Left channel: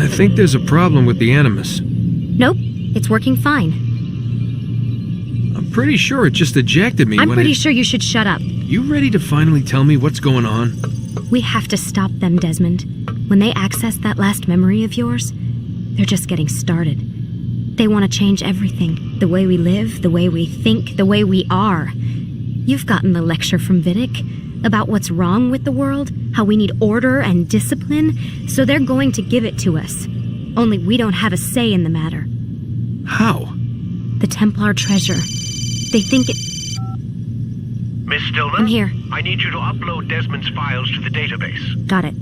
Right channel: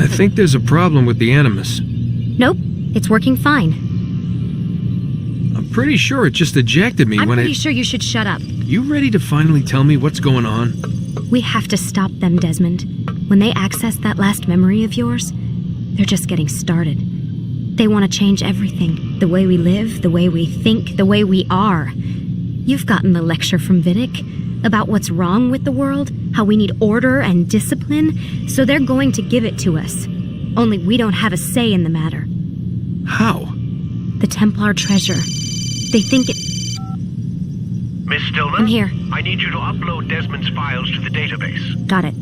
I think there's a problem with the Animus. Nope, it's working fine. I'm pretty sure it just ejected me I'm when pretty sure you should shut up. You ready to finally tell me what's going on? We have to stop them, Desmond. When they access that last memory of yours, they're just getting started. They want to change everything. The way we live, the way we think, the way we are. You've gotten the lecture from Vidic about what's wrong with the world, how we need order and discipline, so they're going to give it to us. Only we don't have a say in the matter. How? The Templar treasure. They think it... Miss Stillman? I'm here. I need you to upload Desmond's files to the database. Got it.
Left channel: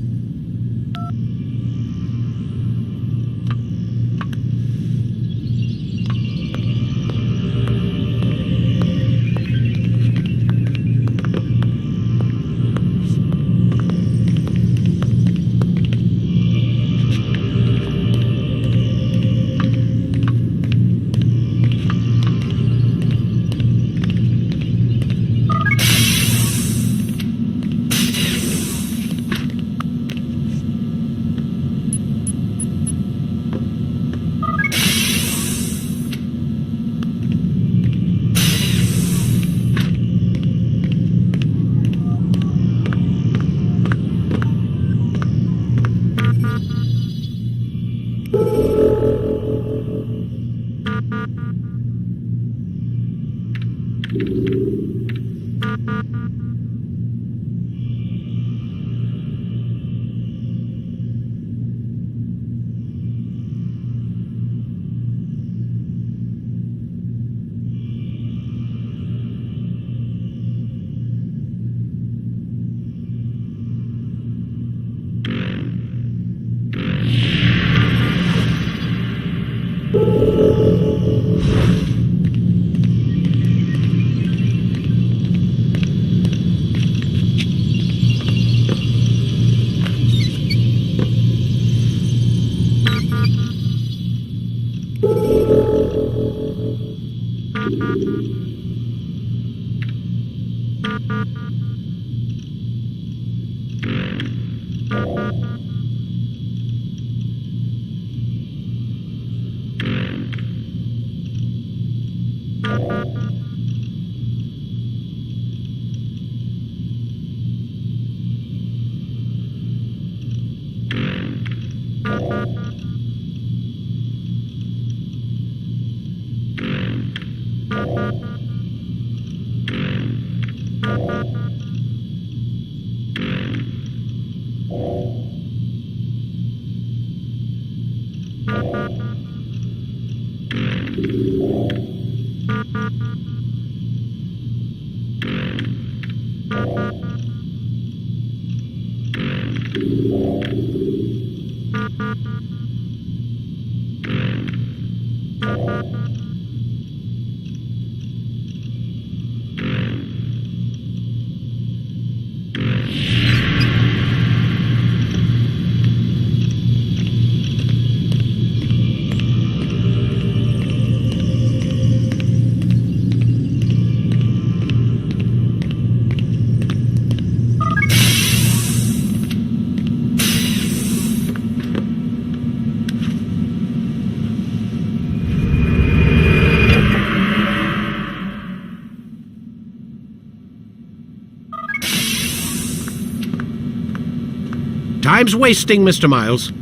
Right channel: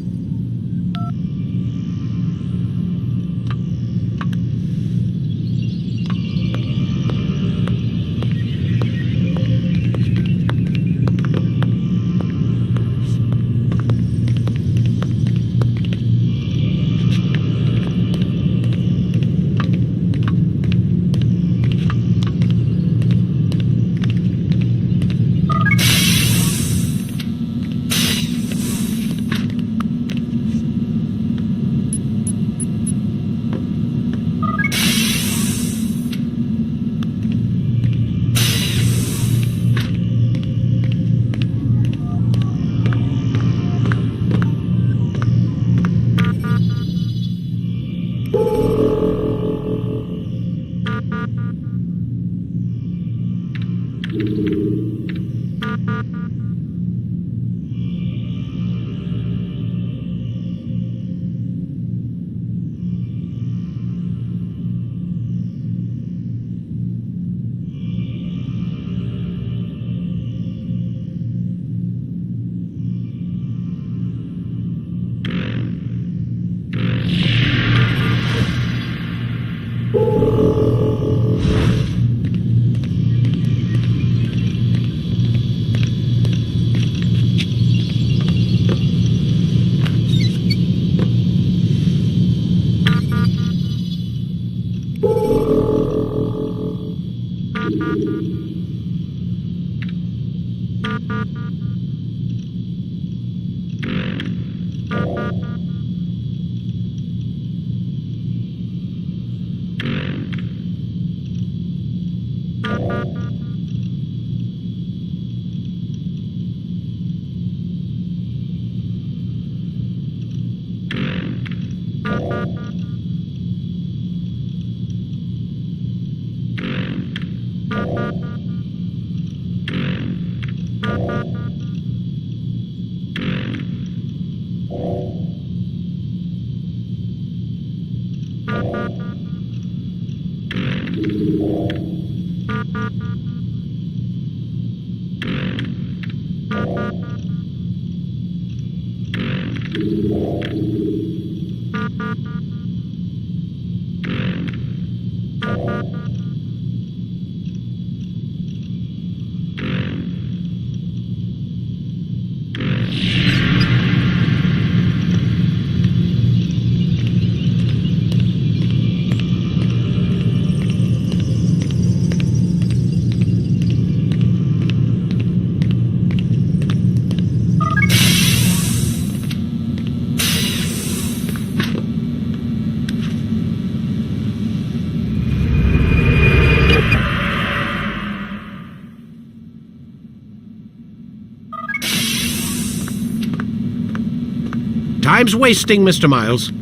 Time's wasting, Mr. Miles.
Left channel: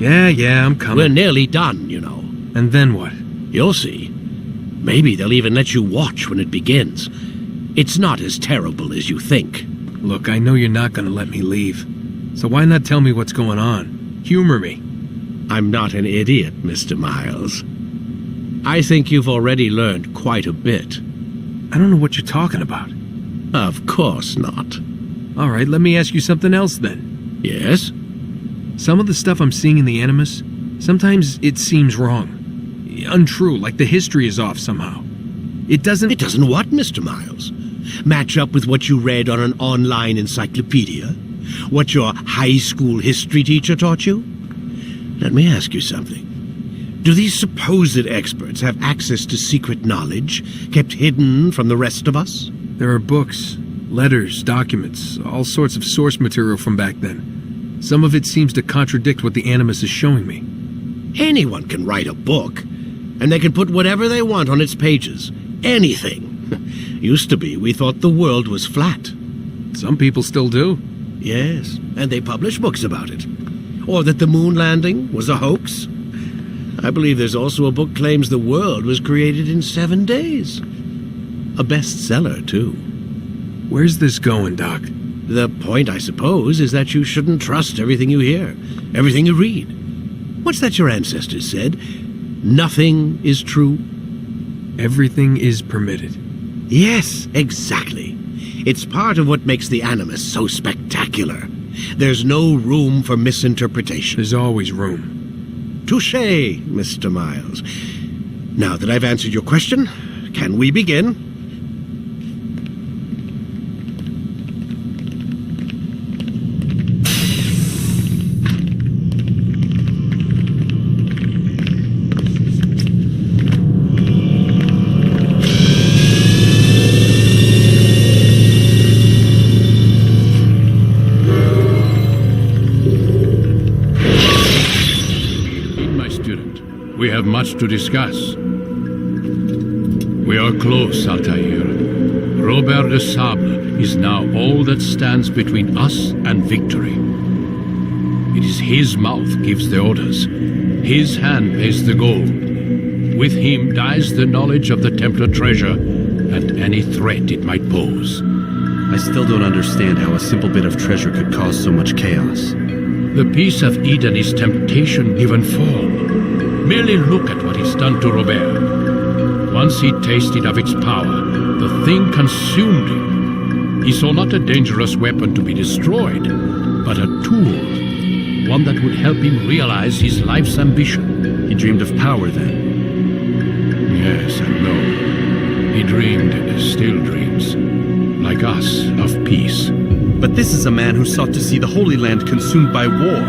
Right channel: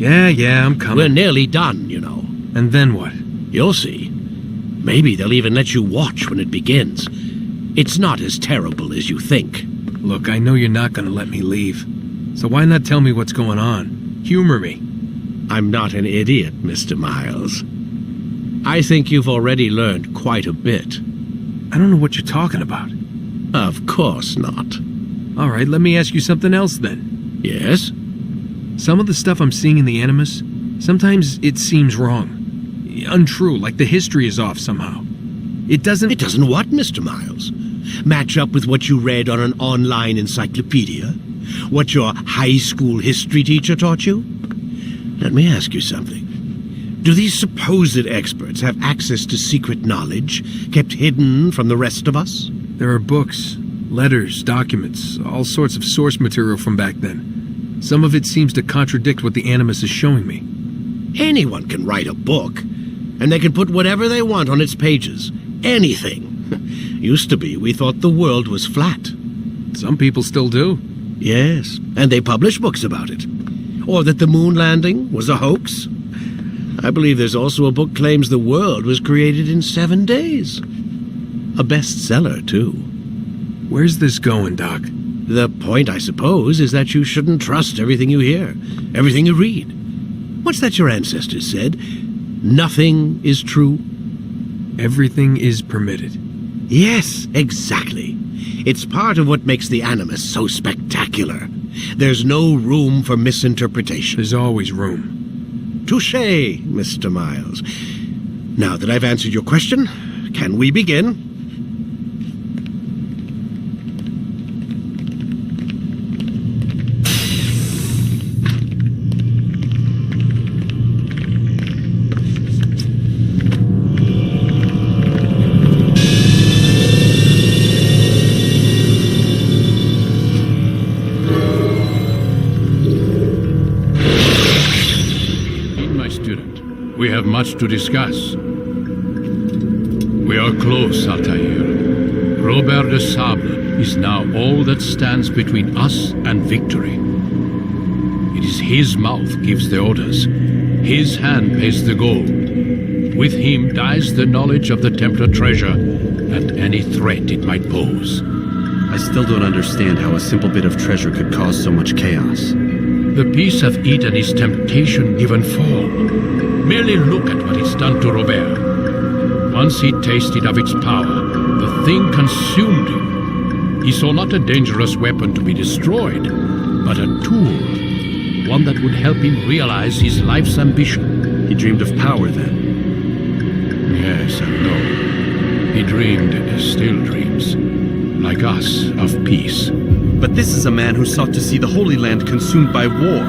Yeah, I'm coming. We're nearly done, you know. And then what? You'll see. Maybe they'll even let you watch when it begins. It's not as terrible as you think. Look, I know you're not gonna let me leave. So why not tell me what's going on? Humor me. I'm not an idiot, Mr. Miles. I think you've already learned quite a bit. I don't know what you're talking about. Of course not. All right, let me ask you something else then. Yes? Some of the stuff I'm seeing in the Animus, sometimes it seems wrong. Untrue, like the history is off somehow. It doesn't... It doesn't what, Mr. Miles? Match up with what you read on an online encyclopedia? What your high school history teacher taught you? Let me ask you something. Do these supposed experts have access to secret knowledge kept hidden from the rest of us? There are books, letters, documents, all sorts of source material from back then. Some of it seems to contradict what the Animus is showing me. Anyone can write a book, and they can put whatever they want on its pages. Anything. Used to be, we thought the world was flat. Some people still do. Yes, and they publish books about it. Or that the moon landing was a hoax. I believe there's also a book claims the world was created in 7 days. A bestseller, too. Where's this going, Doc? The point, I suppose, is that you shouldn't trust everything you hear, everything you read. What's that your ancestors said? Nothing is true? Everything is permitted. Yes, exactly. It's part of what makes the Animus so spectacular. There's no room for misinterpretation. There's always room. Touché, Mr. Miles. Now that I've answered your question, can we begin? We have much to discuss. We are close, Altair. Robert de Sable is now all that stands between us and victory. It is his mouth gives the orders. His hand pays the gold. With him dies the knowledge of the Templar treasure and any threat it might pose. I still don't understand how a simple bit of treasure could cause so much chaos. The peace of Eden is temptation given form. Merely look at what it's done to Robert. Once he tasted of its power, the thing consumed him. He saw not a dangerous weapon to be destroyed, but a tool, one that would help him realize his life's ambition. He dreamed of power then? Yes and no. He dreamed, still dreams, like us, of peace. But this is a man who sought to see the Holy Land consumed by war.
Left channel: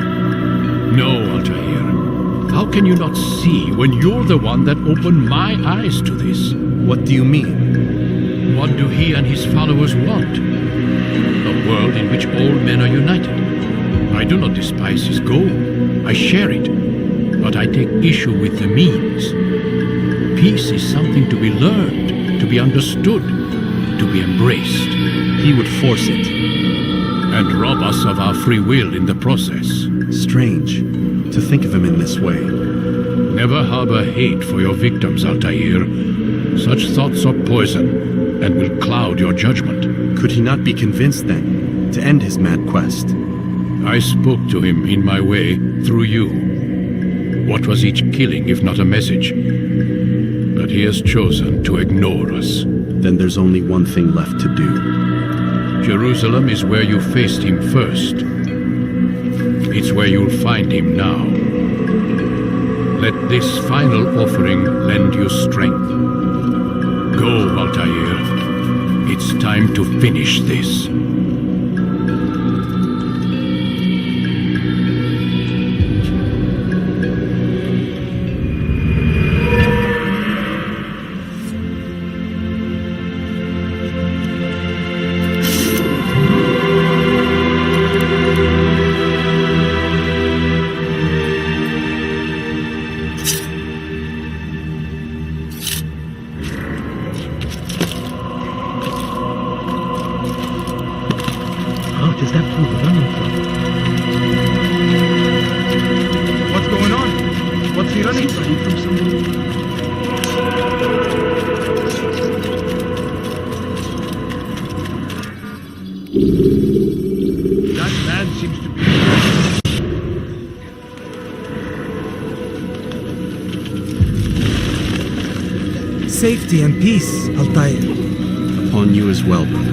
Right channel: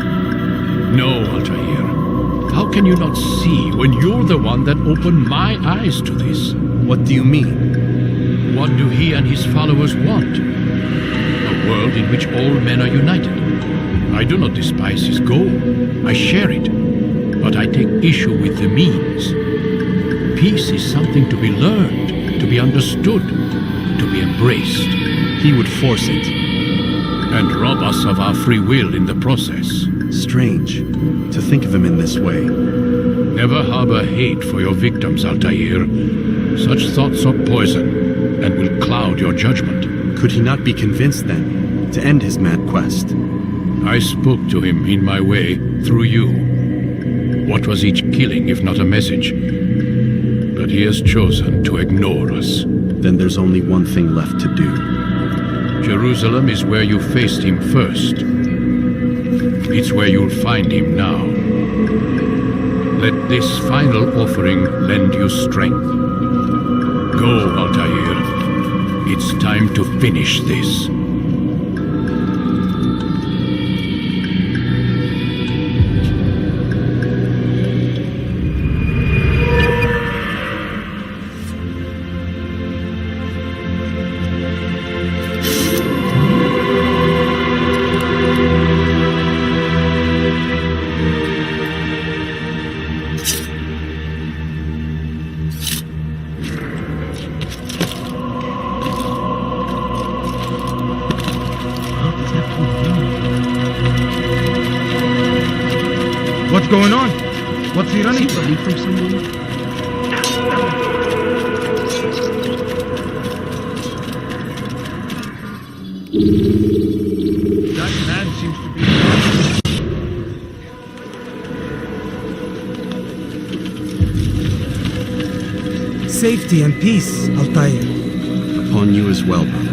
No, Altair. How can you not see when you're the one that opened my eyes to this? What do you mean? What do he and his followers want? A world in which all men are united. I do not despise his goal. I share it. But I take issue with the means. Peace is something to be learned, to be understood, to be embraced. He would force it. And rob us of our free will in the process. Strange to think of him in this way. Never harbor hate for your victims, Altair. Such thoughts are poison and will cloud your judgment. Could he not be convinced, then, to end his mad quest? I spoke to him in my way, through you. What was each killing if not a message? But he has chosen to ignore us. Then there's only one thing left to do. Jerusalem is where you faced him first. It's where you'll find him now. Let this final offering lend you strength. Go, Altair. It's time to finish this. What is that pool running from? What's going on? What's he running from? From someone? That man seems to be... Safety and peace, Altair. Upon you as well, brother.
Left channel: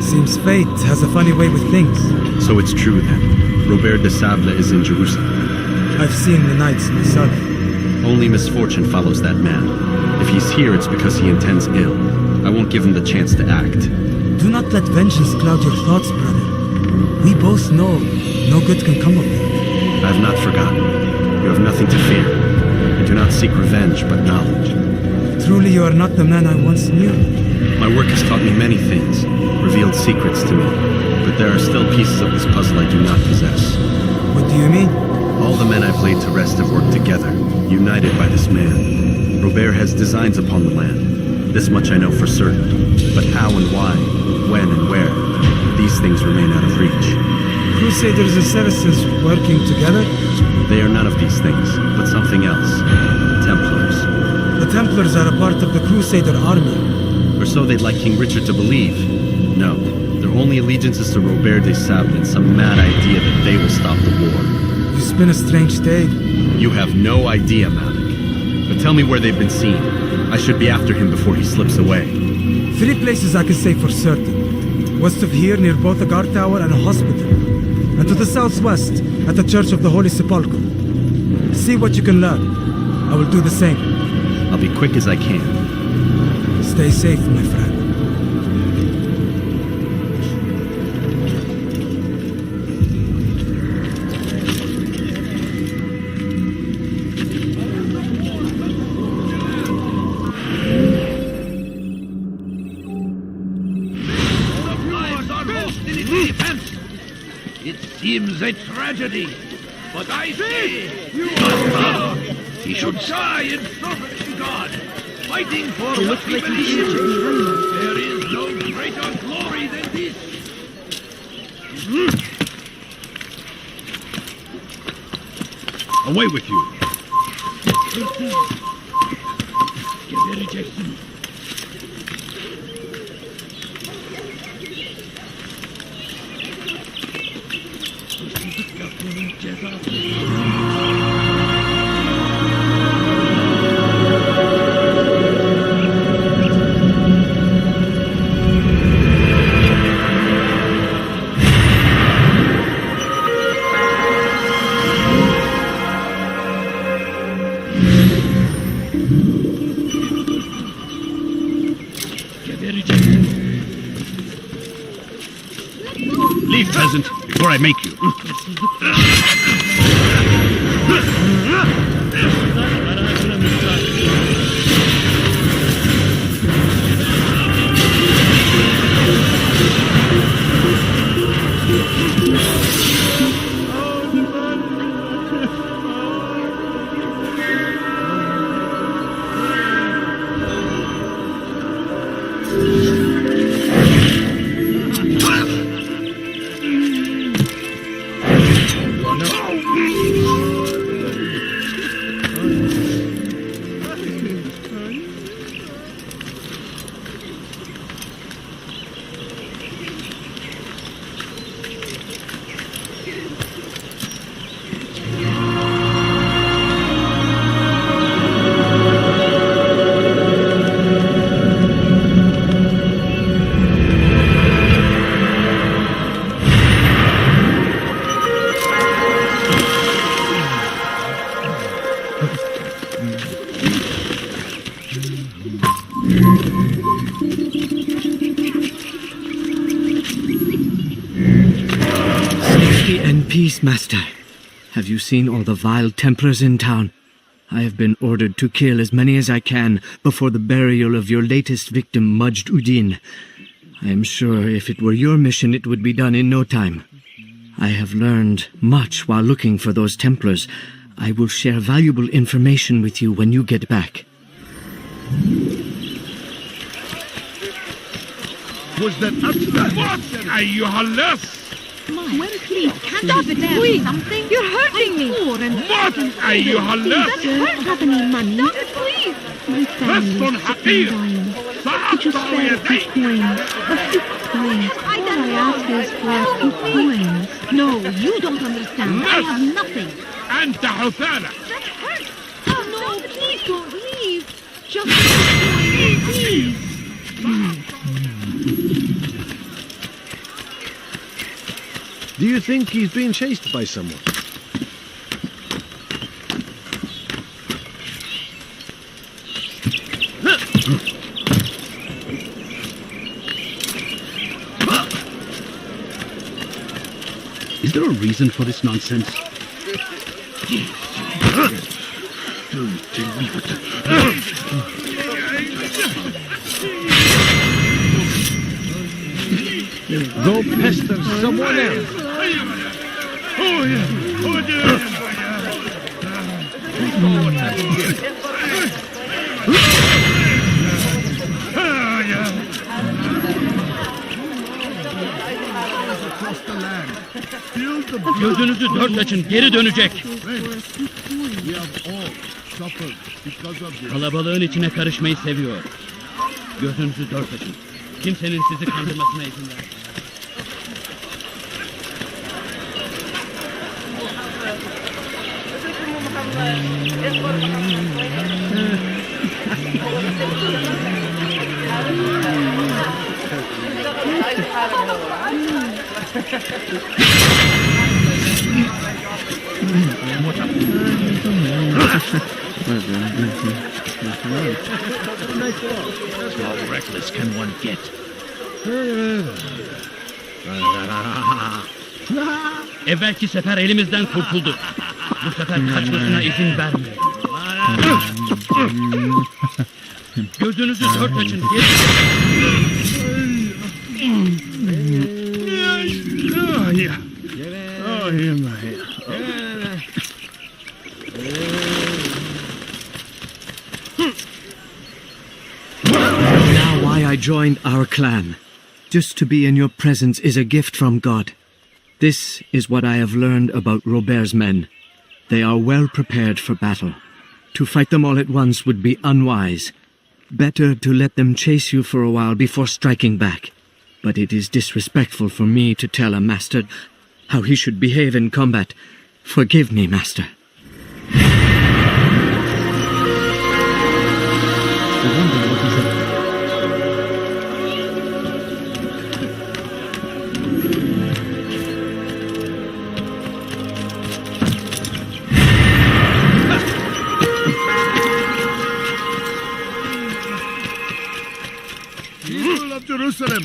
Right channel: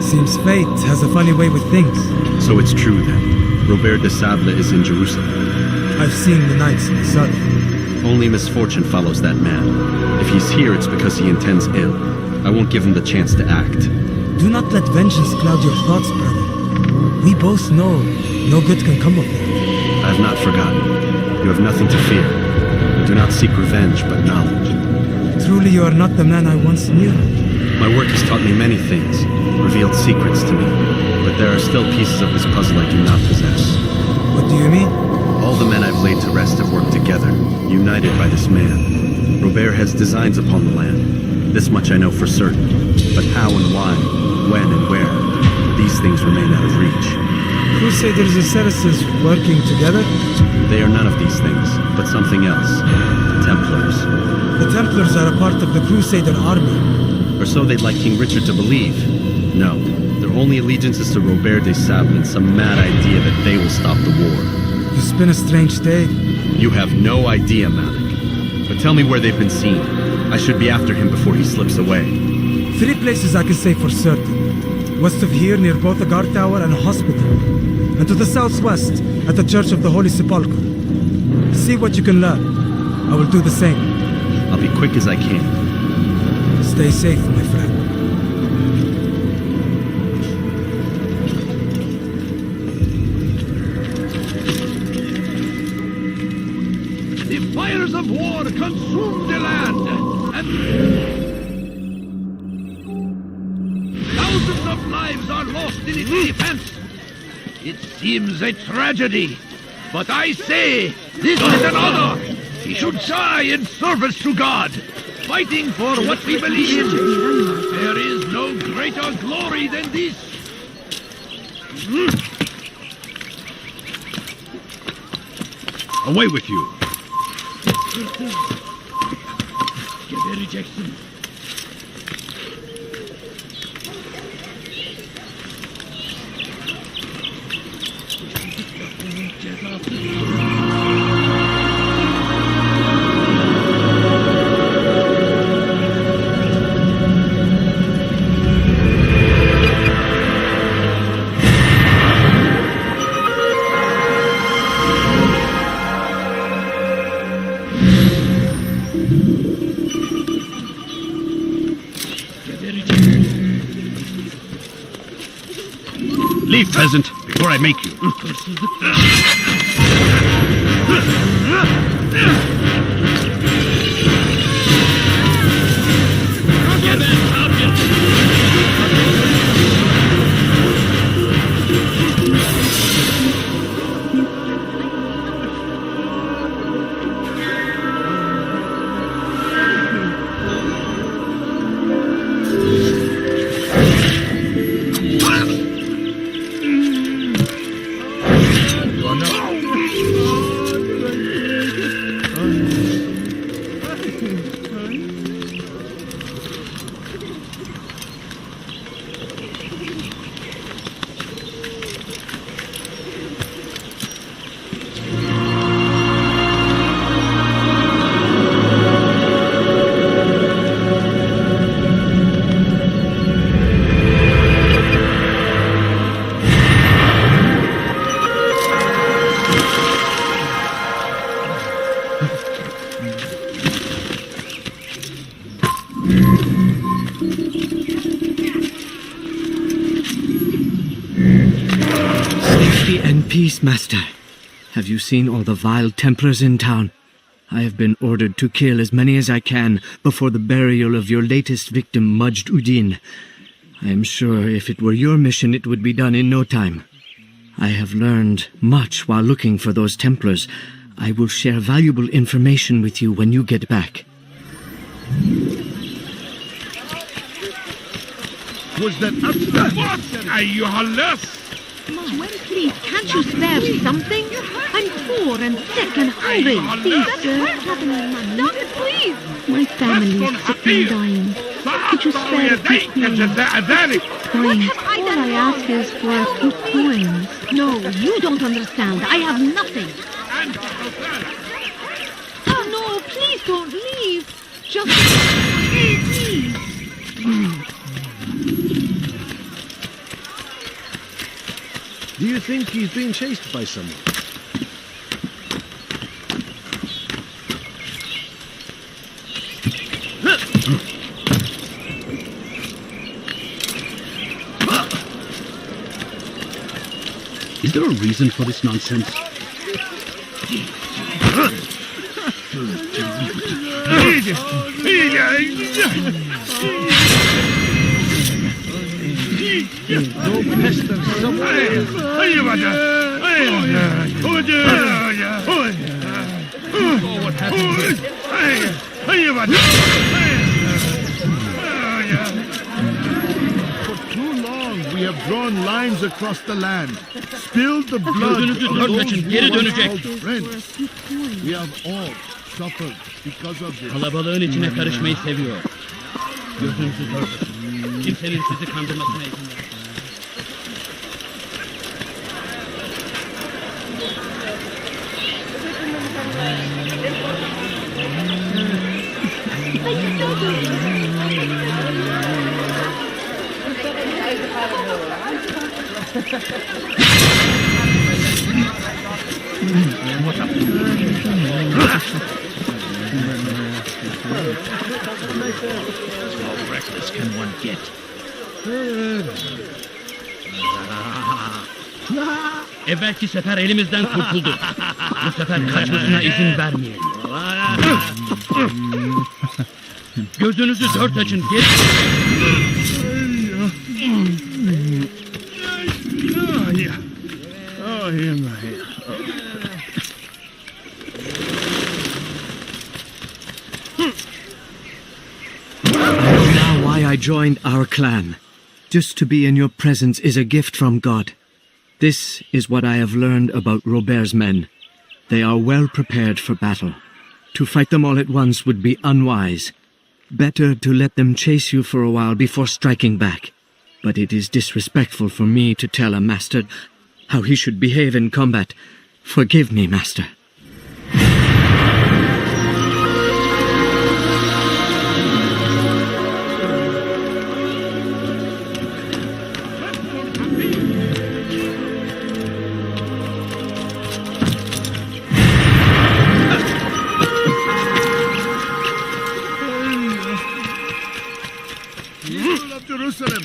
Seems fate has a funny way with things. So it's true then. Robert de Sable is in Jerusalem. I've seen the knights myself. Only misfortune follows that man. If he's here, it's because he intends ill. I won't give him the chance to act. Do not let vengeance cloud your thoughts, brother. We both know no good can come of that. I have not forgotten. You have nothing to fear. I do not seek revenge, but knowledge. Truly you are not the man I once knew. My work has taught me many things, revealed secrets to me, but there are still pieces of this puzzle I do not possess. What do you mean? All the men I've laid to rest have worked together, united by this man. Robert has designs upon the land. This much I know for certain. But how and why, when and where, these things remain out of reach. Crusaders and Saracens working together? They are none of these things, but something else. Templars. The Templars are a part of the Crusader army. Or so they'd like King Richard to believe. No, their only allegiance is to Robert de Sable and some mad idea that they will stop the war. You spin a strange tale. You have no idea, Malik. But tell me where they've been seen. I should be after him before he slips away. 3 places I can say for certain. West of here, near both a guard tower and a hospital. And to the southwest, at the Church of the Holy Sepulchre. See what you can learn. I will do the same. I'll be quick as I can. Stay safe, my friend. The fires of war consume the land. Thousands of lives are lost in its defense. It seems a tragedy, but I say this is an honor. He should die in service to God, fighting for what we believe in. There is no greater glory than this. Away with you! Jackson. Leave, peasant, before I make you. Safety and peace, Master. Have you seen all the vile Templars in town? I have been ordered to kill as many as I can before the burial of your latest victim, Majd Addin. I am sure if it were your mission, it would be done in no time. I have learned much while looking for those Templars. I will share valuable information with you when you get back. Was that what? Ayyuhallas! Well, please, can't you spare something? You're hurting me. I'm poor and sick and hungry. Please, don't have any money. Stop it, please. My family is sick and dying. Could you spare a few coins? Please, all I ask is for a few coins. No, you don't understand. I have nothing. Oh, no, please don't leave. Just a few coins, please. Do you think he's being chased by someone? Is there a reason for this nonsense? Go pester someone else. saw what happened here. We have drawn lines across the land. Spilled the blood. Gözünüzü dört açın, geri dönecek. Friends, we have all suffered because of this. Kalabalığın içine karışmayı seviyor. Gözünüzü dört açın. Kimsenin sizi kandırmasına izin vermeyin. How reckless can one get? Evvelki sefer elimizden kurtuldu. Bu sefer kaçmasına izin vermeyin. Gözünüzü dört açın. Geri. I know now why I joined our clan. Just to be in your presence is a gift from God. This is what I have learned about Robert's men. They are well prepared for battle. To fight them all at once would be unwise. Better to let them chase you for a while before striking back. But it is disrespectful for me to tell a master how he should behave in combat. Forgive me, master. People of Jerusalem,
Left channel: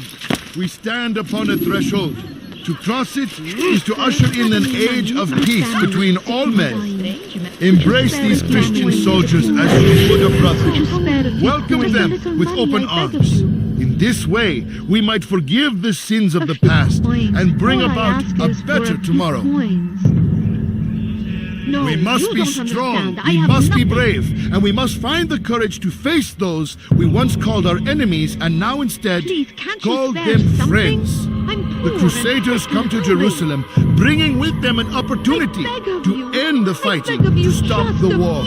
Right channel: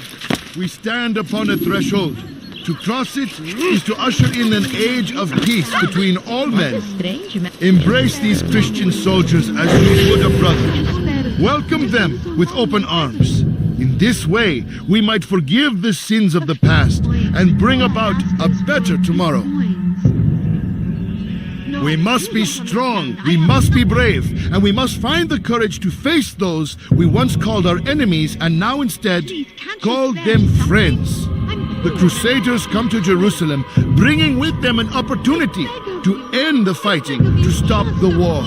we stand upon a threshold. To cross it is to usher in an age of peace between all men. Embrace these Christian soldiers as you would a brother. Welcome them with open arms. In this way, we might forgive the sins of the past and bring about a better tomorrow. We must be strong, we must be brave, and we must find the courage to face those we once called our enemies and now instead call them friends. The Crusaders come to Jerusalem, bringing with them an opportunity to end the fighting, to stop the war.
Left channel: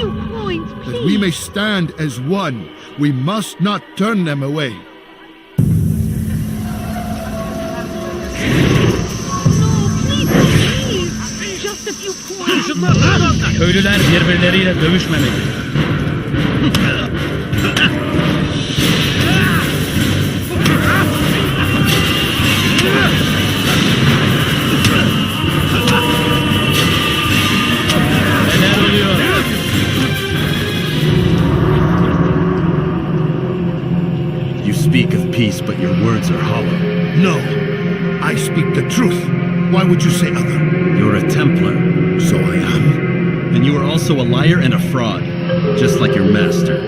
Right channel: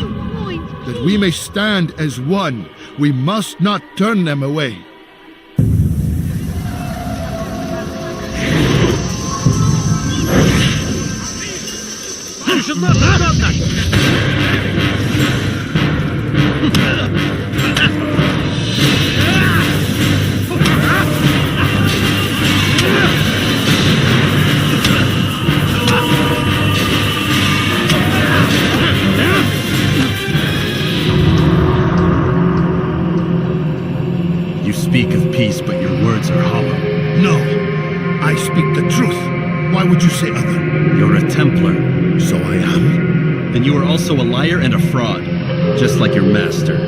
That we may stand as one, we must not turn them away. Köylüler birbirleriyle dövüşmedi. You speak of peace, but your words are hollow. No, I speak the truth. Why would you say other? You're a Templar. So I am. Then you are also a liar and a fraud, just like your master.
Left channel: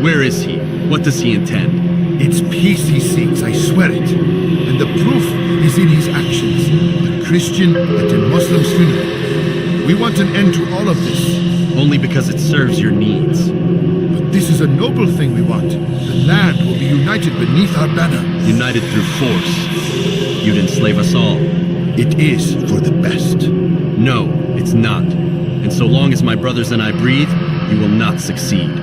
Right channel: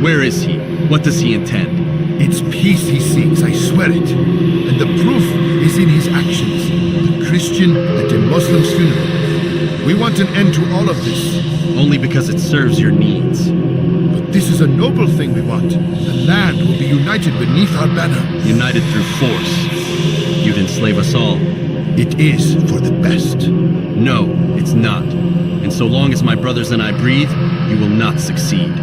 Where is he? What does he intend? It's peace he seeks, I swear it. And the proof is in his actions. A Christian at a Muslim's funeral. We want an end to all of this. Only because it serves your needs. But this is a noble thing we want. The land will be united beneath our banner. United through force. You'd enslave us all. It is for the best. No, it's not. And so long as my brothers and I breathe, you will not succeed.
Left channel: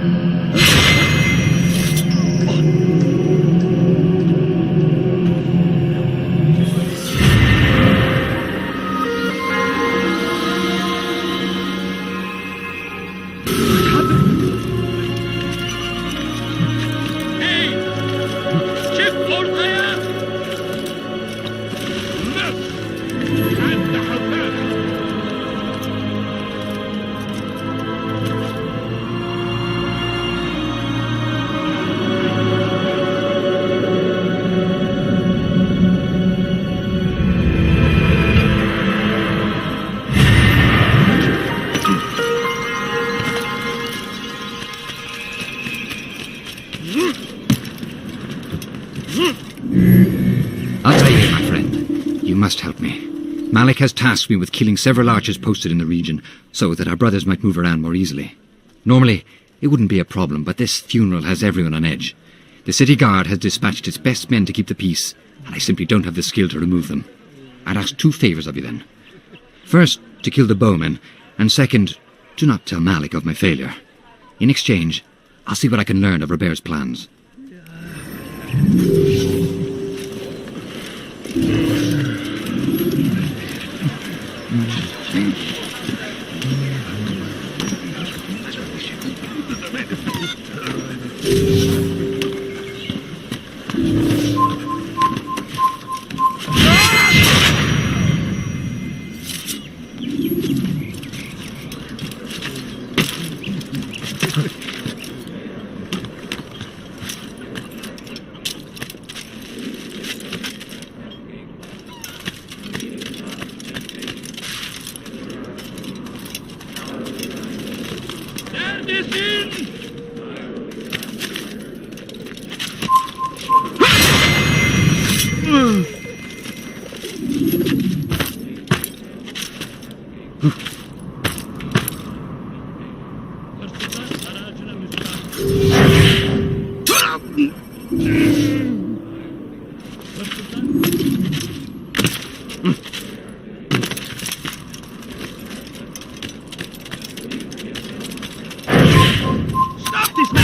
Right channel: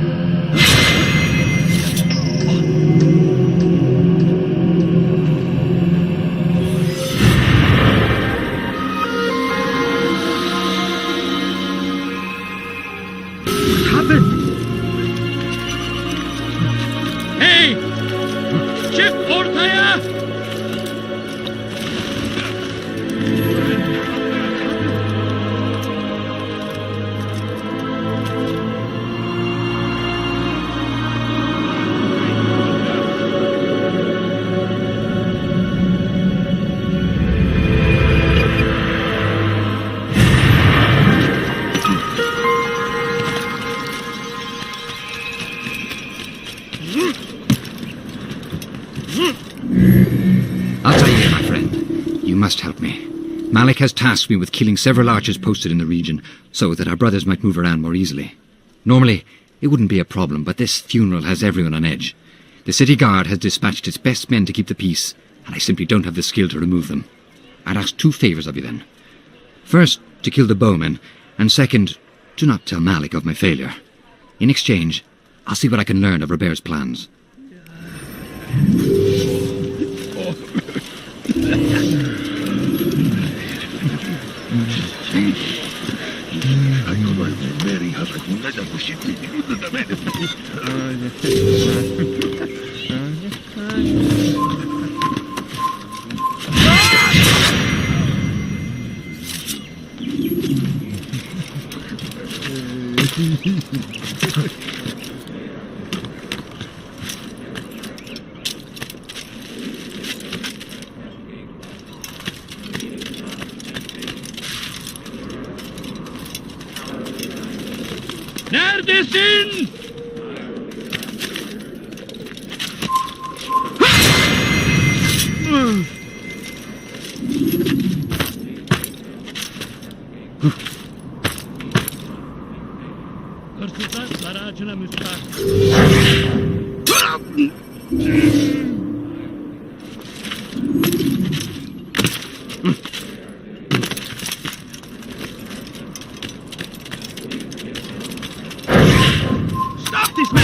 Hey! Çık ortaya! Altair, my friend, you must help me. Malik has tasked me with killing several archers posted in the region, so that our brothers might move around more easily. Normally, it wouldn't be a problem, but this funeral has everyone on edge. The city guard has dispatched its best men to keep the peace, and I simply don't have the skill to remove them. I'd ask 2 favors of you then. First, to kill the bowmen, and second, do not tell Malik of my failure. In exchange, I'll see what I can learn of Robert's plans. Neredesin? Hırsızlar saraycına müstahak. Stop this man!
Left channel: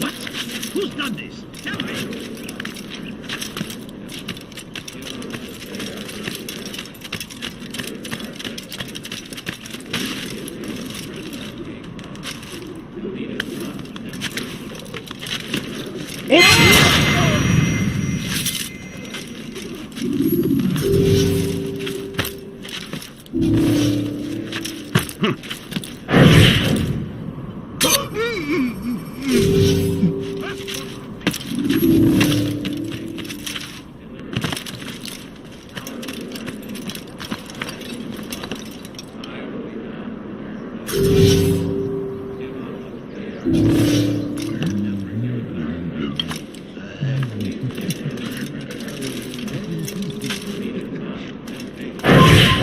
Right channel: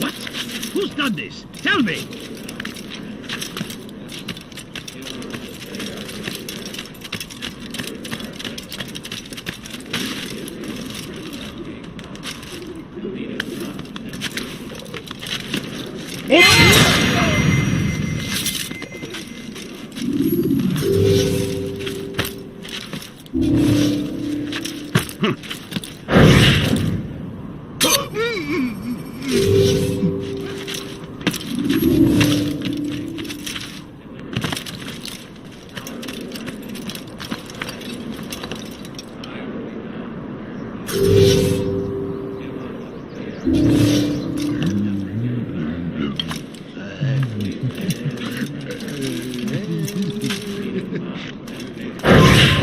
What? Who's done this? Tell me!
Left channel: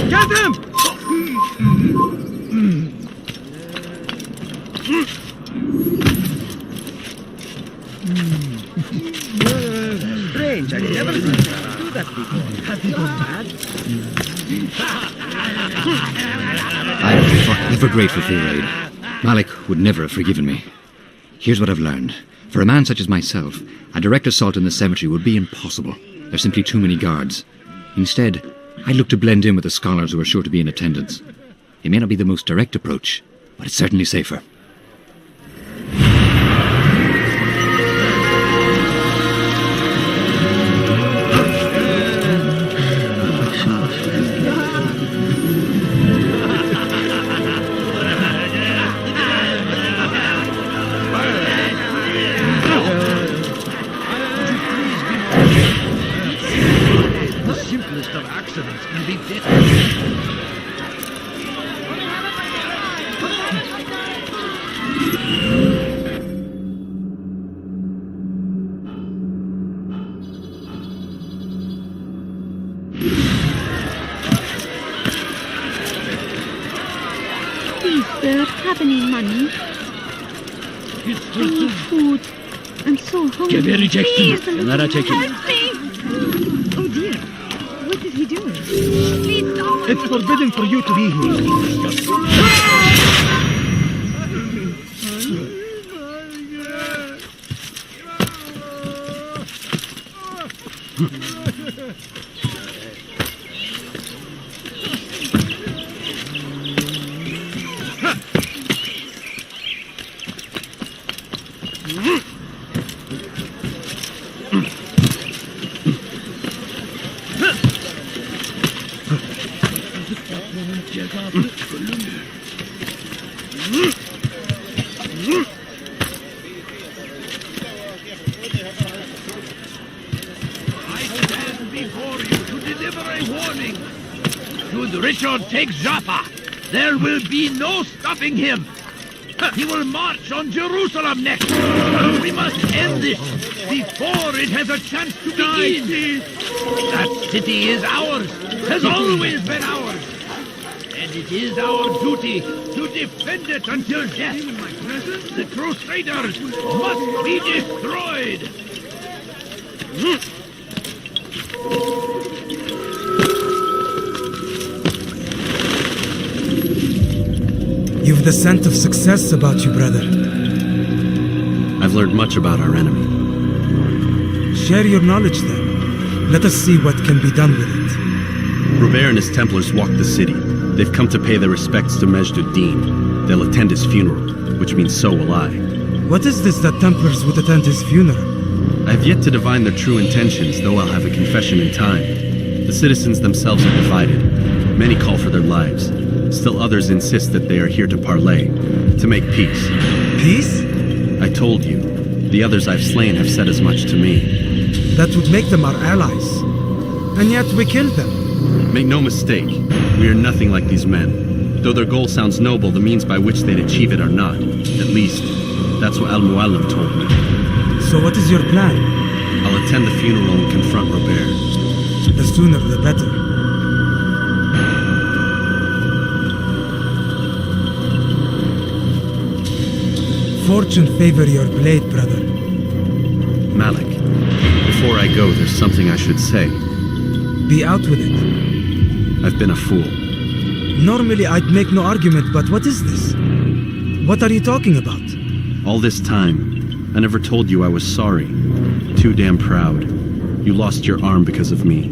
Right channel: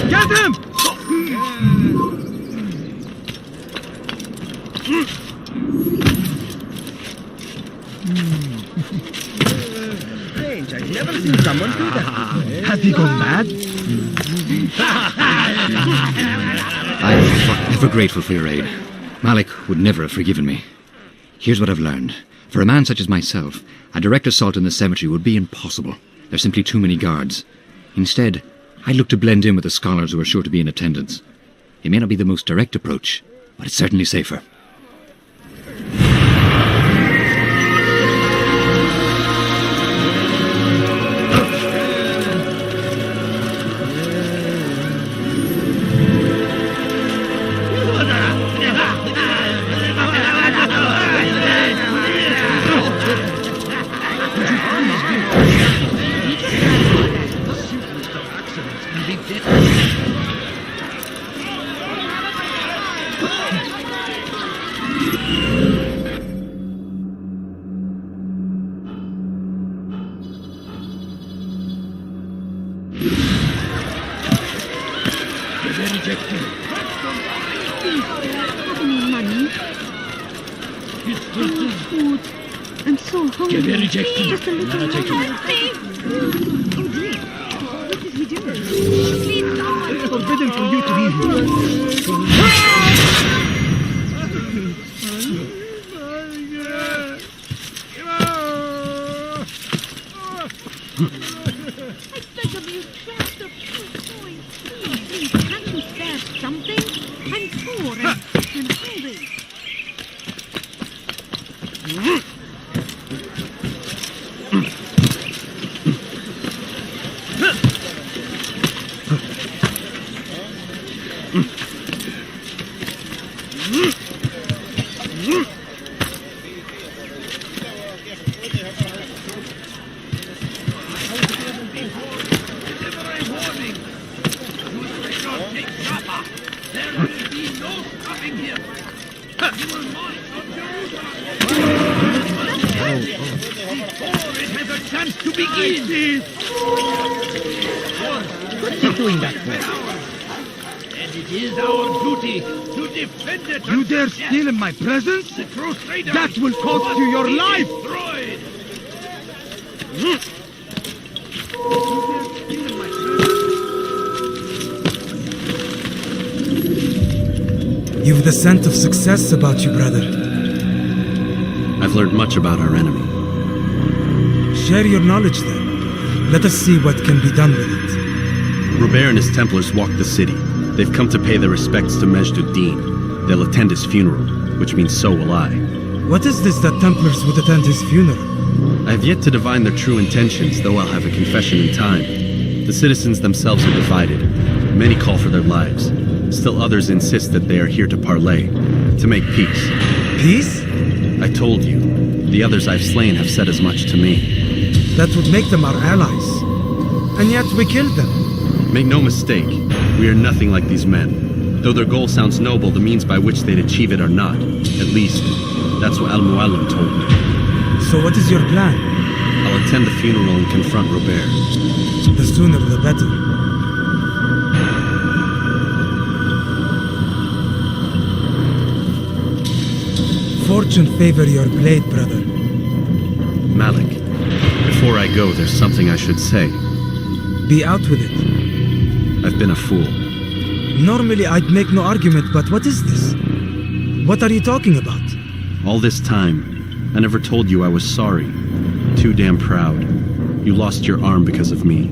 Get him! Strange, I've never seen someone do that before. Have you gone mad? I'm forever grateful for your aid. Malik would never have forgiven me. Here's what I've learned. For a man such as myself, a direct assault in the cemetery would be impossible. There's simply too many guards. Instead, I'd look to blend in with the scholars who are sure to be in attendance. It may not be the most direct approach, but it's certainly safer. The simplest of accidents can be deadly. Please, sir, have any money? Any food? I'm so hungry. Please, a little help me. Oh dear, what is he doing? Please stop. It's forbidden for you to be here. Richard takes Jaffa, there will be no stopping him. He will march on Jerusalem next. We must end this before it has a chance to begin. That city is ours, has always been ours. And it is our duty to defend it until death. Steal in my presence? The Crusaders That will cost must you your be life. destroyed. You've the scent of success about you, brother. I've learned much about our enemy. Share your knowledge then. Let us see what can be done with it. Robert and his Templars walked the city. They've come to pay their respects to Majd Addin. They'll attend his funeral, which means so will I. What is this that Templars would attend his funeral? I have yet to divine their true intentions, though I'll have a confession in time. The citizens themselves are divided. Many call for their lives. Still others insist that they are here to parley, to make peace. Peace? I told you. The others I've slain have said as much to me. That would make them our allies. And yet we killed them. Make no mistake, we are nothing like these men. Though their goal sounds noble, the means by which they'd achieve it are not. At least, that's what Al-Mu'allim told me. So what is your plan? I'll attend the funeral and confront Robert. The sooner the better. Fortune favor your blade, brother. Malik, before I go, there's something I should say. Be out with it. I've been a fool. Normally I'd make no argument, but what is this? What are you talking about? All this time, I never told you I was sorry. Too damn proud. You lost your arm because of me.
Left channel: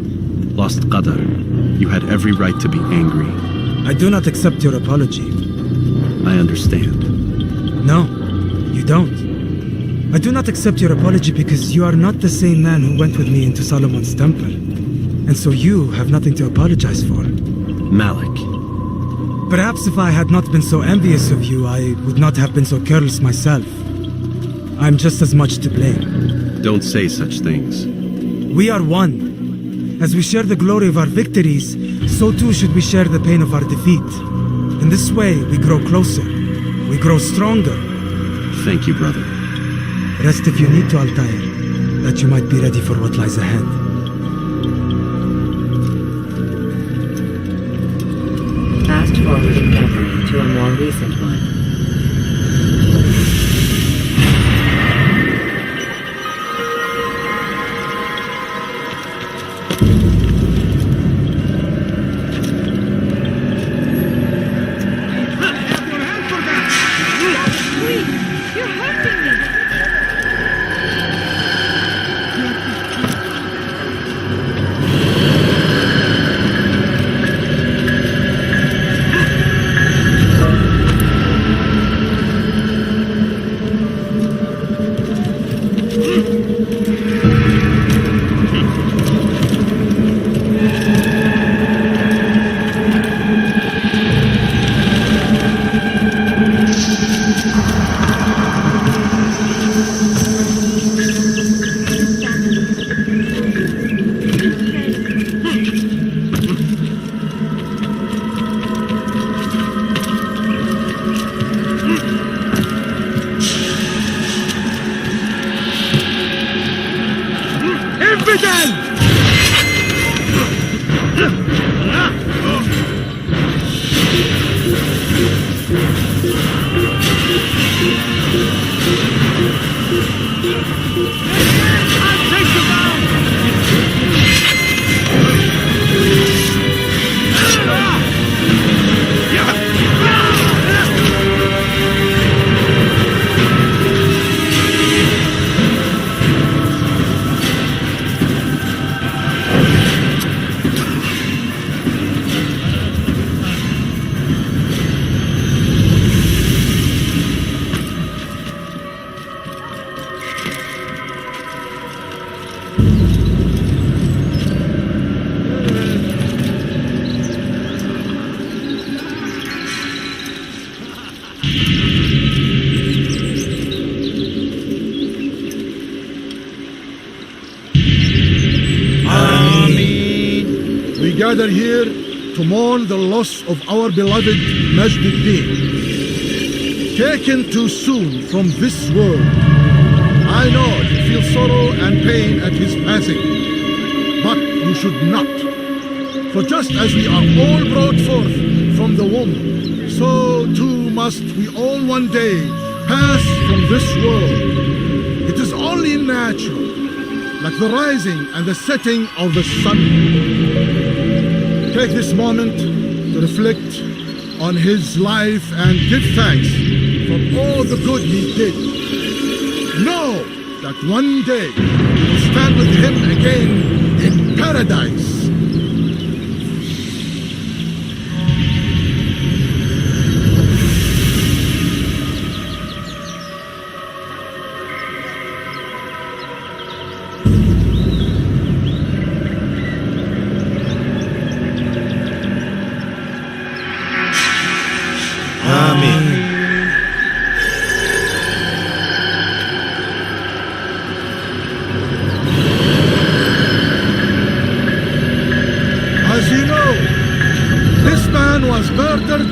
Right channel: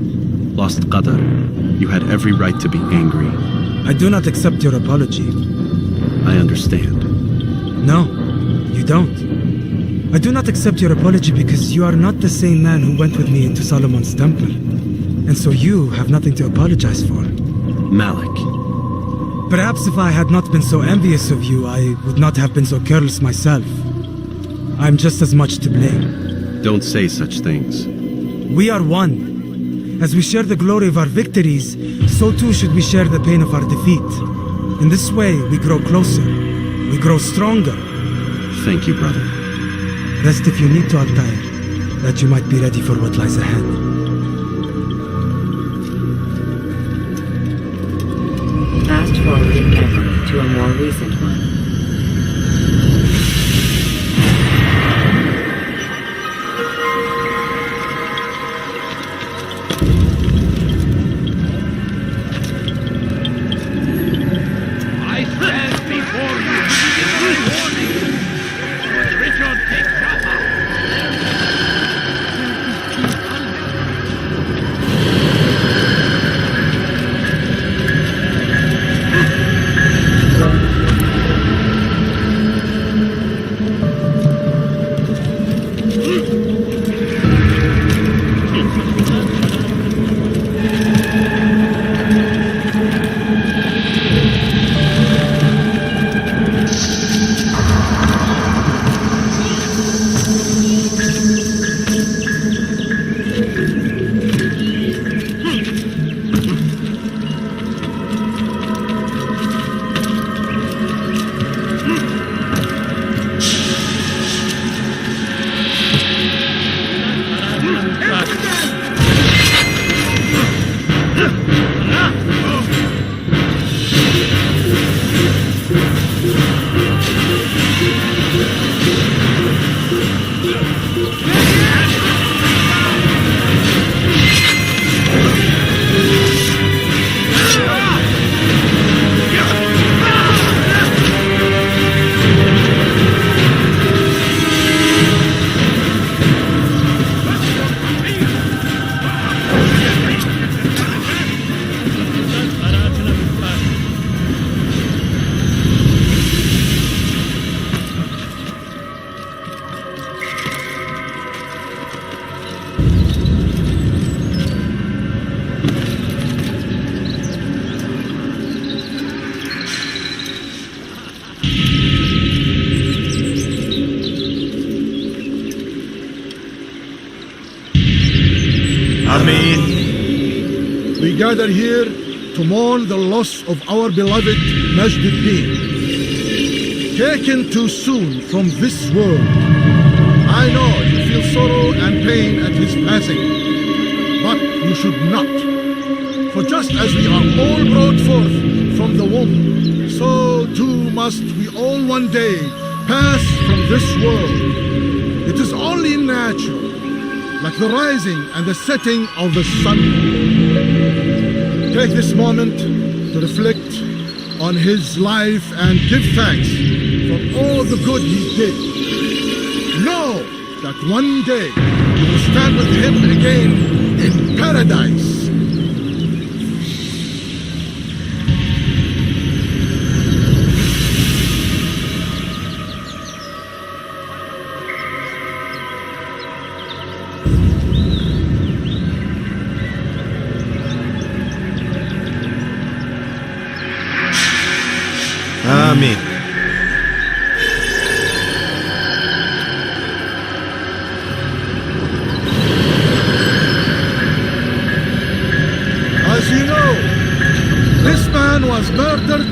Lost Qadar. You had every right to be angry. I do not accept your apology. I understand. No, you don't. I do not accept your apology because you are not the same man who went with me into Solomon's temple. And so you have nothing to apologize for. Malik. Perhaps if I had not been so envious of you, I would not have been so careless myself. I'm just as much to blame. Don't say such things. We are one. As we share the glory of our victories, so too should we share the pain of our defeat. In this way, we grow closer. We grow stronger. Thank you, brother. Rest if you need to, Altair, that you might be ready for what lies ahead. Fast forwarding memory to a more recent one. we gather here to mourn the loss of our beloved Majd Addin. Taken too soon from this world. I know you feel sorrow and pain at his passing, but you should not. For just as we are all brought forth from the womb, so too must we all one day pass from this world. It is only natural, like the rising and the setting of the sun. Take this moment to reflect on his life and give thanks for all the good he did. Know that one day you will stand with him again in paradise. Amen. As you know, this man was murdered.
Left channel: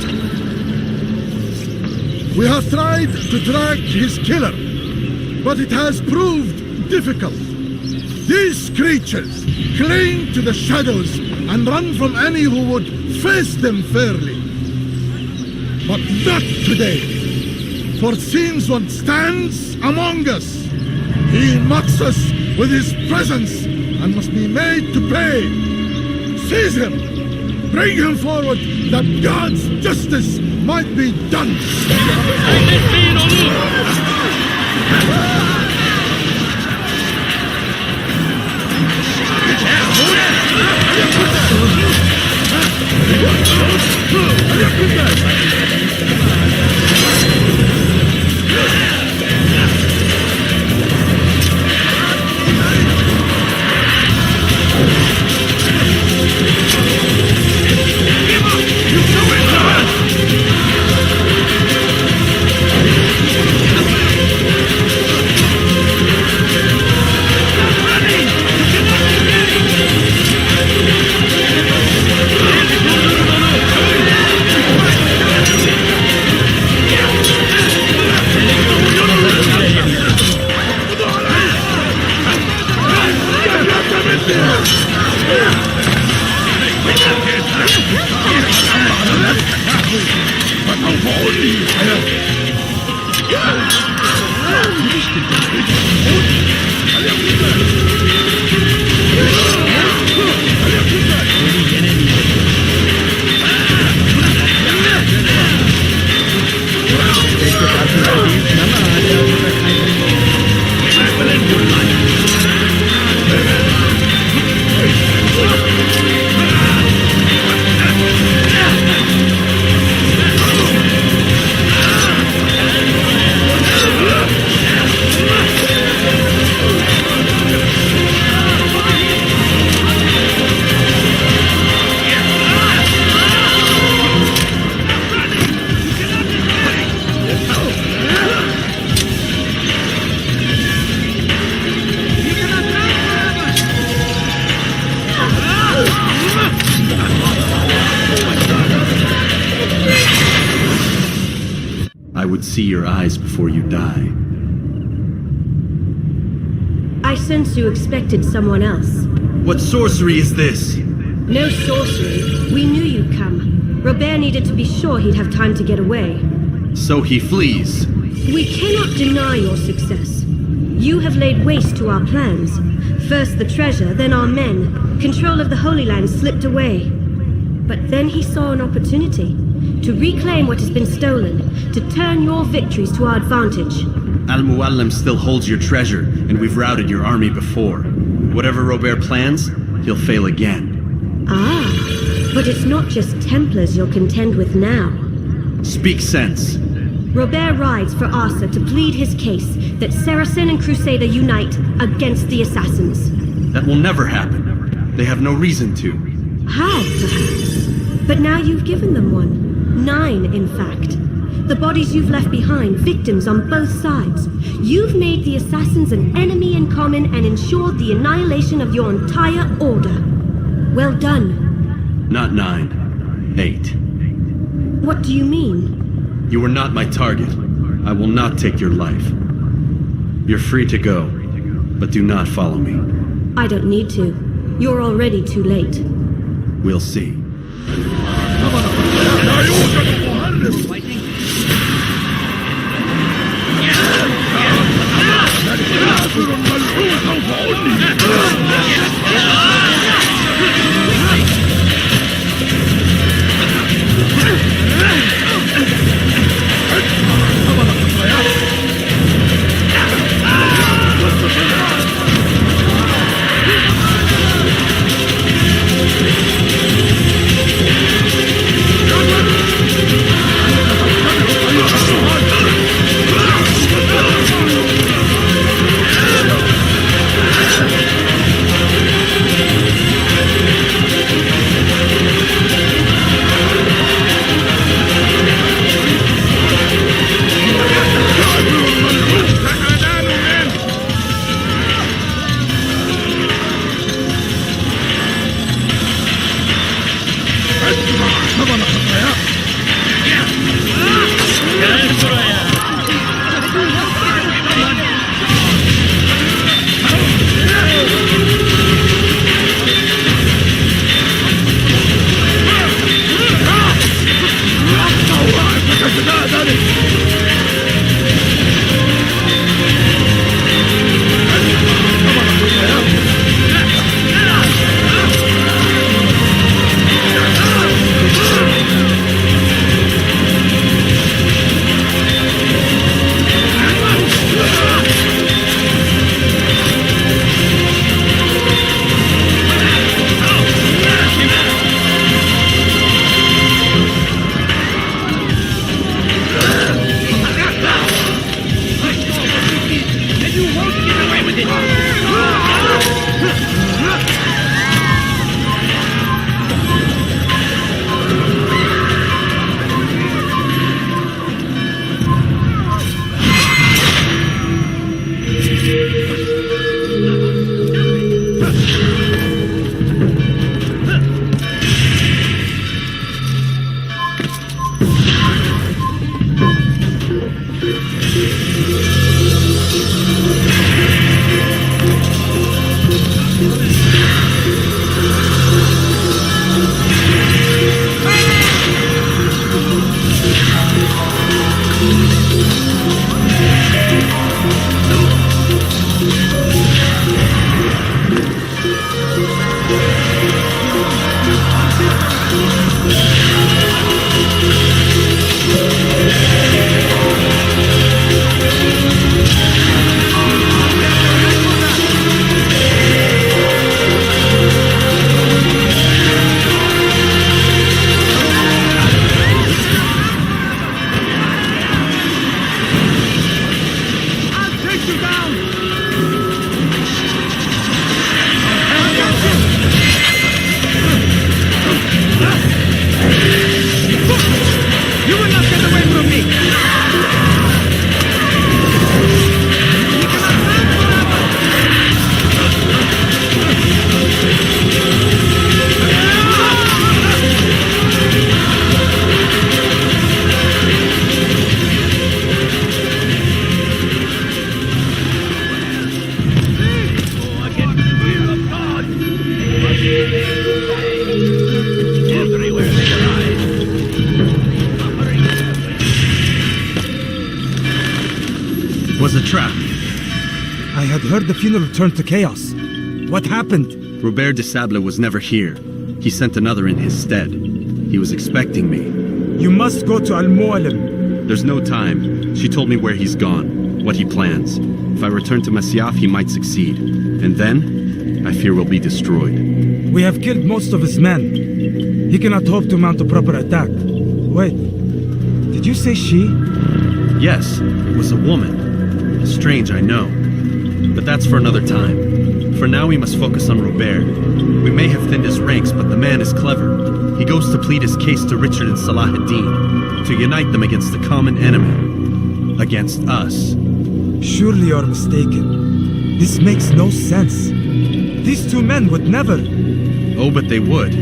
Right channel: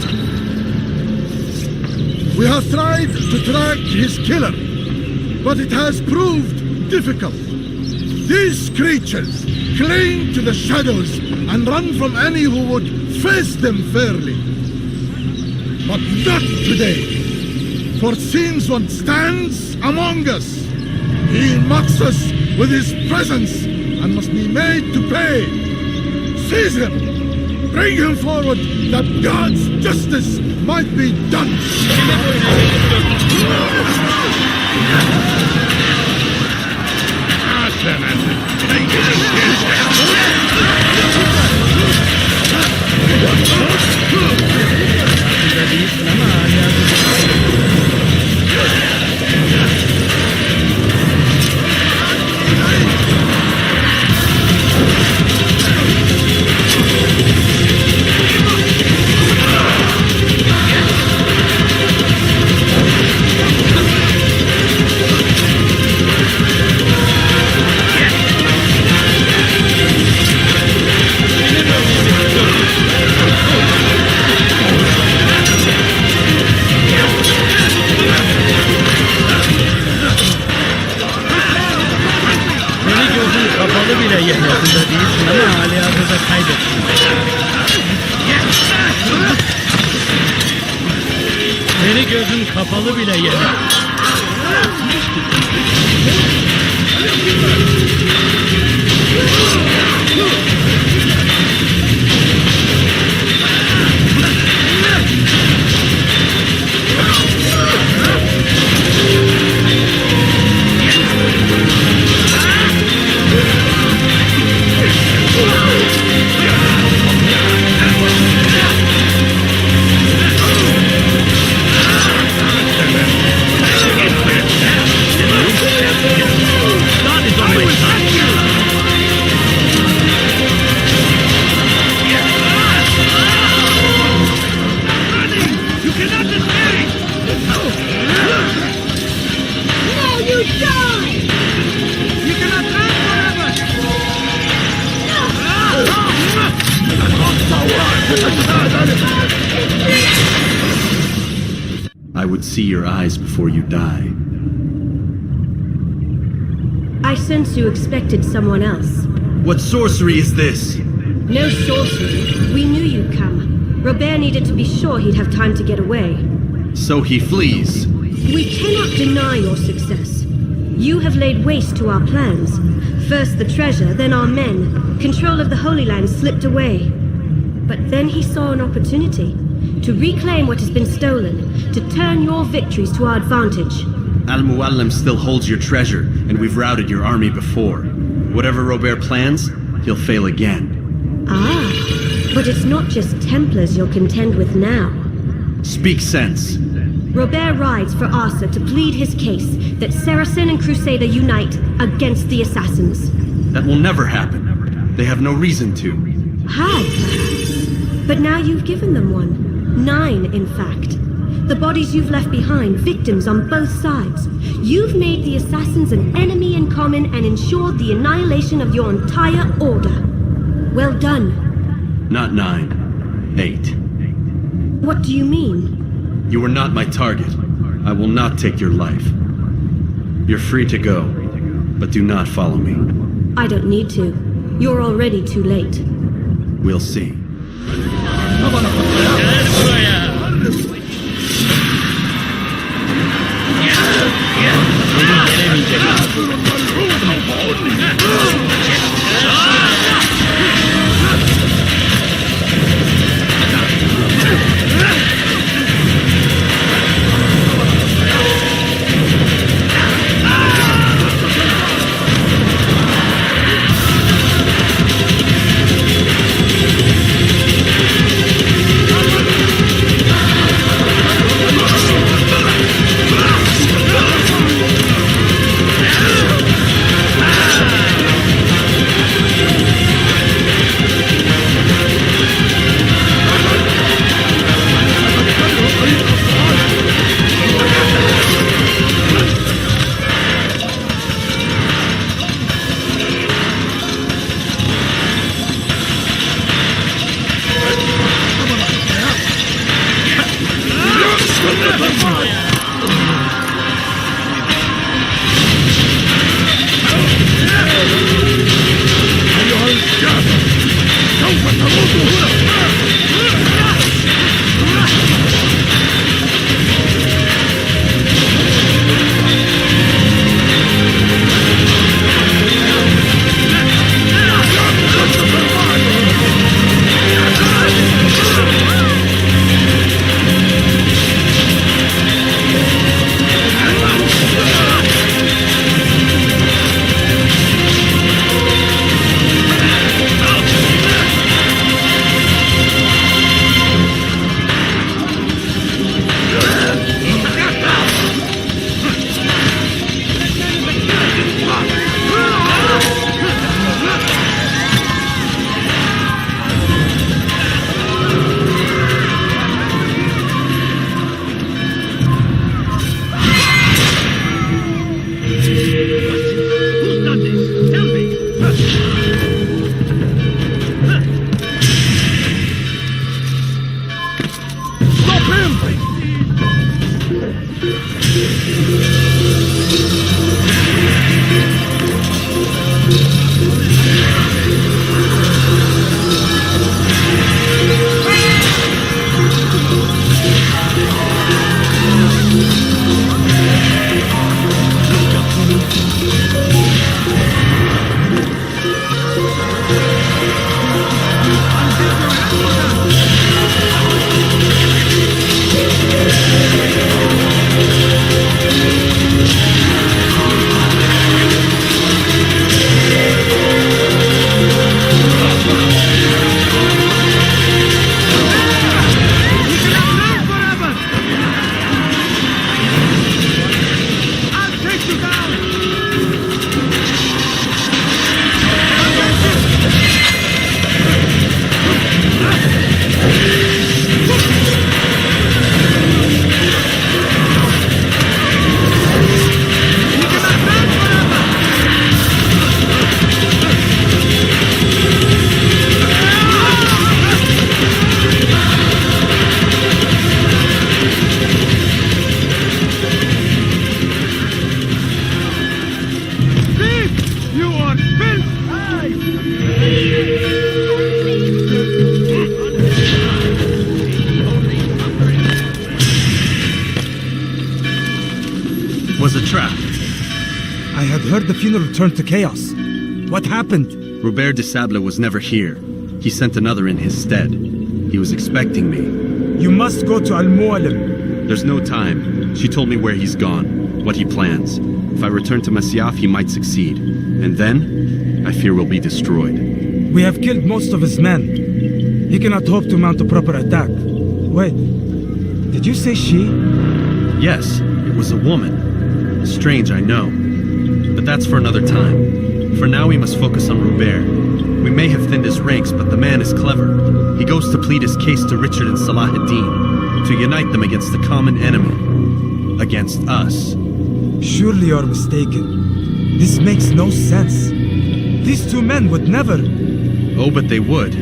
We have tried to track his killer, but it has proved difficult. These creatures cling to the shadows and run from any who would face them fairly. But not today, for since one stands among us, he mocks us with his presence and must be made to pay. Seize him! Bring him forward that God's justice might be done! I would see your eyes before you die. I sense you expected someone else. What sorcery is this? No sorcery. We knew you'd come. Robert needed to be sure he'd have time to get away. So he flees. We cannot deny your success. You have laid waste to our plans. First the treasure, then our men. Control of the Holy Land slipped away. But then he saw an opportunity to reclaim what has been stolen, to turn your victories to our advantage. Al-Muallim still holds your treasure, and we've routed your army before. Whatever Robert plans, he'll fail again. Ah, but it's not just Templars you'll contend with now. Speak sense. Robert rides for Asa to plead his case that Saracen and Crusader unite against the assassins. That will never happen. They have no reason to. Had, perhaps. But now you've given them one. 9, in fact. The bodies you've left behind, victims on both sides. You've made the assassins an enemy in common and ensured the annihilation of your entire order. Well done. Not 9. 8. What do you mean? You were not my target. I will not take your life. You're free to go, but do not follow me. I don't need to. You're already too late. We'll see. Was a trap. I had heard the funeral turned to chaos. What happened? Robert de Sable was never here. He sent another in his stead. He was expecting me. You must go to Al-Mu'alim. There's no time. She told me where he's gone, what he plans. If I return to Masyaf, he might succeed. And then, I fear we'll be destroyed. We have killed most of his men. He cannot hope to mount a proper attack. Wait, did you say she? Yes, it was a woman. Strange, I know. But that's for another time. For now, we must focus on Robert. We may have thinned his ranks, but the man is clever. He goes to plead his case to Richard and Salah ad-Din, to unite them against the common enemy. Against us. Surely you're mistaken. This makes no sense. These two men would never... Oh, but they would.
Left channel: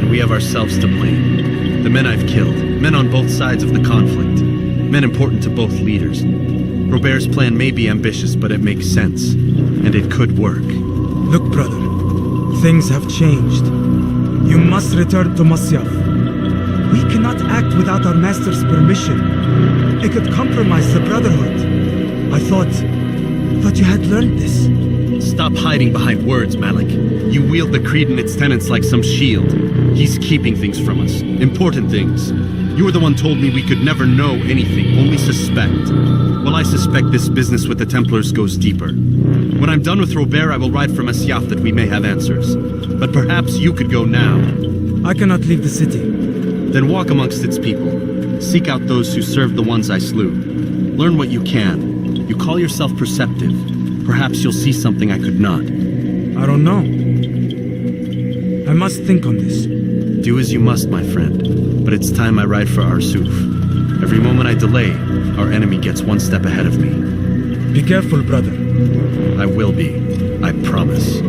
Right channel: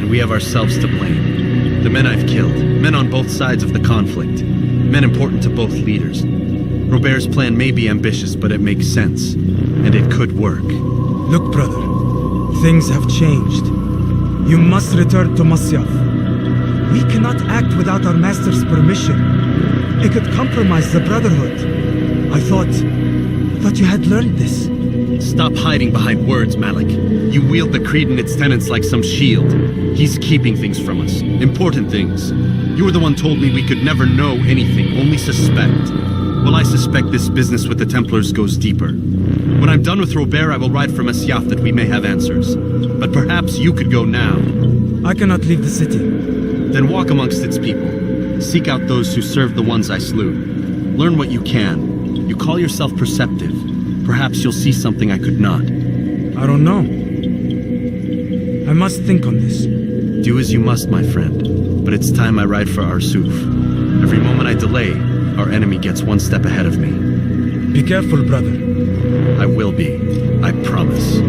and we have ourselves to blame. The men I've killed, men on both sides of the conflict, men important to both leaders. Robert's plan may be ambitious, but it makes sense, and it could work. Look, brother, things have changed. You must return to Masyaf. We cannot act without our master's permission. It could compromise the Brotherhood. I thought you had learned this. Stop hiding behind words, Malik. You wield the creed and its tenets like some shield. He's keeping things from us. Important things. You were the one told me we could never know anything, only suspect. Well, I suspect this business with the Templars goes deeper. When I'm done with Robert, I will ride for Masyaf that we may have answers. But perhaps you could go now. I cannot leave the city. Then walk amongst its people. Seek out those who served the ones I slew. Learn what you can. You call yourself perceptive. Perhaps you'll see something I could not. I don't know. I must think on this. Do as you must, my friend. But it's time I ride for Arsuf. Every moment I delay, our enemy gets one step ahead of me. Be careful, brother. I will be. I promise.